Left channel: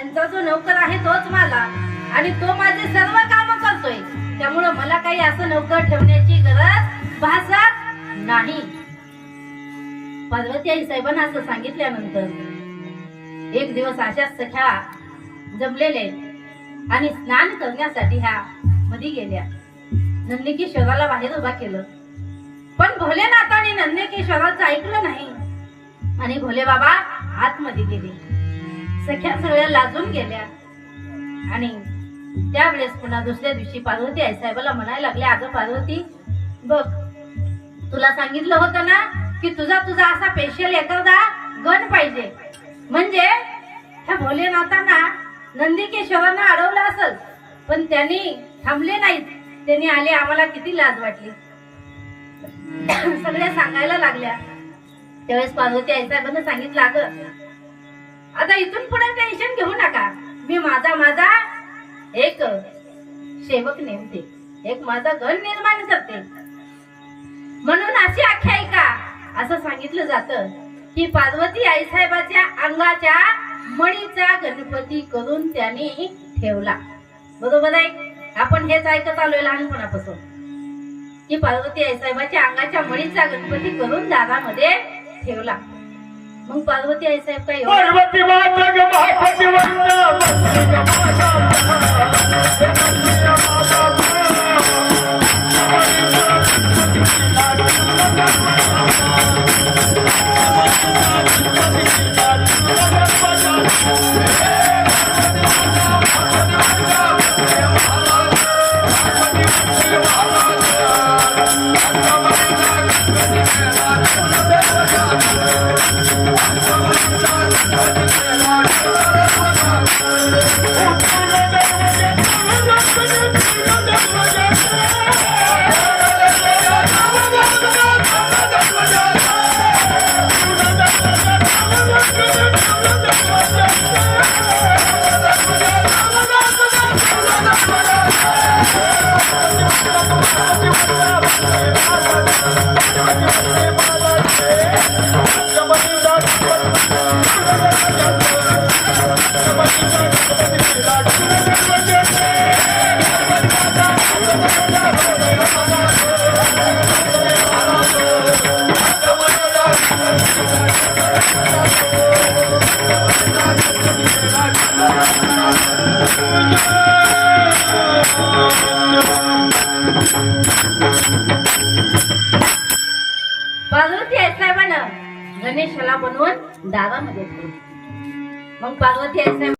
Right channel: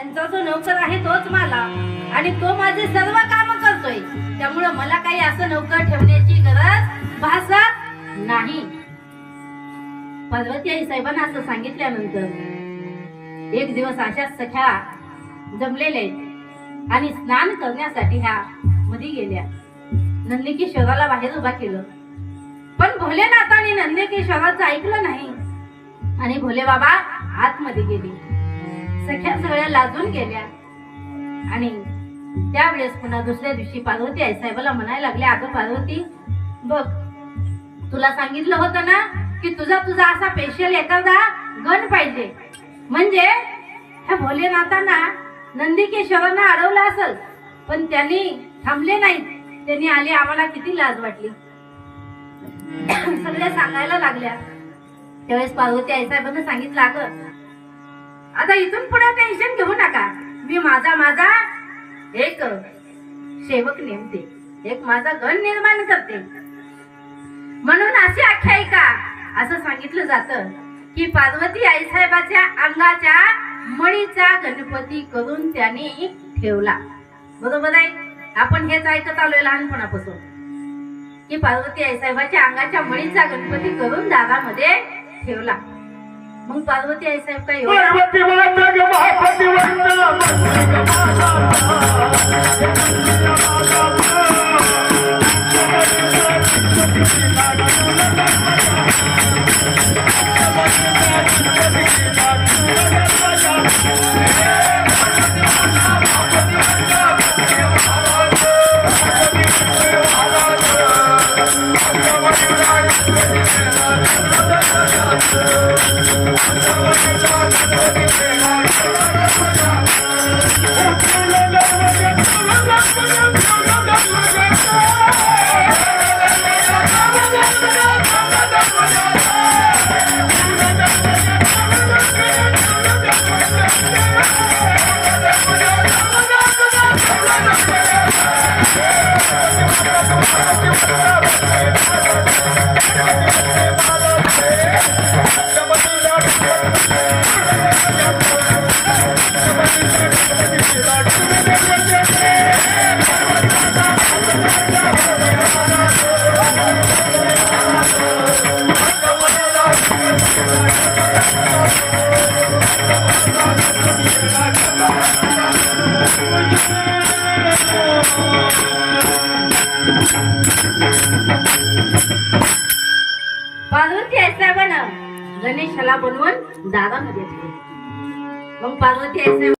त्यांचा जो नौकर आहे तोच माझा आणि तो माझे सर्व काम करतोय, त्यामुळे मला काही असं नौकर ठेवण्याची गरज भासत नाही. पार्वती आई साहेबांना असं सांगितल्यानंतर एक दिवस अशाच सख्या जमलेले आणि स्नान करण्यासाठी ह्या मध्ये गेल्या. नंदकिशोराला बाहेर उभा केलं, पण भोलेनाथाने नंदकिशोराचं ऐकलं नाही आणि भोले बाबा आतमध्ये गेले. सख्या सगळ्या लाजून गेल्या आणि त्यावेळेस पुन्हा दुसऱ्या दिवशी पार्वती आई साहेबाला म्हणायला लागल्या, अगं पार्वती बघ, तुला सांगितलं होतं ना की तुझा असा स्पेशल एखादा गण पाहिजे, म्हणजे ह्या भोलेनाथांना नंदकिशोरांना अडवलं असेल, पण त्यांनी थांबले नाहीत. त्यांनी आले, आम्हाला किती लाज वाटली. सगळ्या सांगायला लागल्या. त्यावेळेस पार्वती आई साहेबांना सांगितलं, अगं आता इथून पुढे टेन्शन घेऊ नका, मी माझा एक सेवक नेमते, एक माझा गण निर्माण करते. म्हणून अशी आख्यायिका असं सांगितलं जातं की पार्वती आई साहेबाच्या अंगाच्या मणीचा गणपती करून त्यांनी ठेवला. बरोबर आहे, आपण हेच ऐकत आलोय लहानपणापासून की पार्वती आई साहेबाच्या अंगाच्या मणीचा गणपती करून दारामध्ये ठेवला. मग पार्वती आई साहेब काय पार्वती आई साहेबांना गणेशाला बनवून दारामध्ये ठेवले. मग पार्वती आई साहेब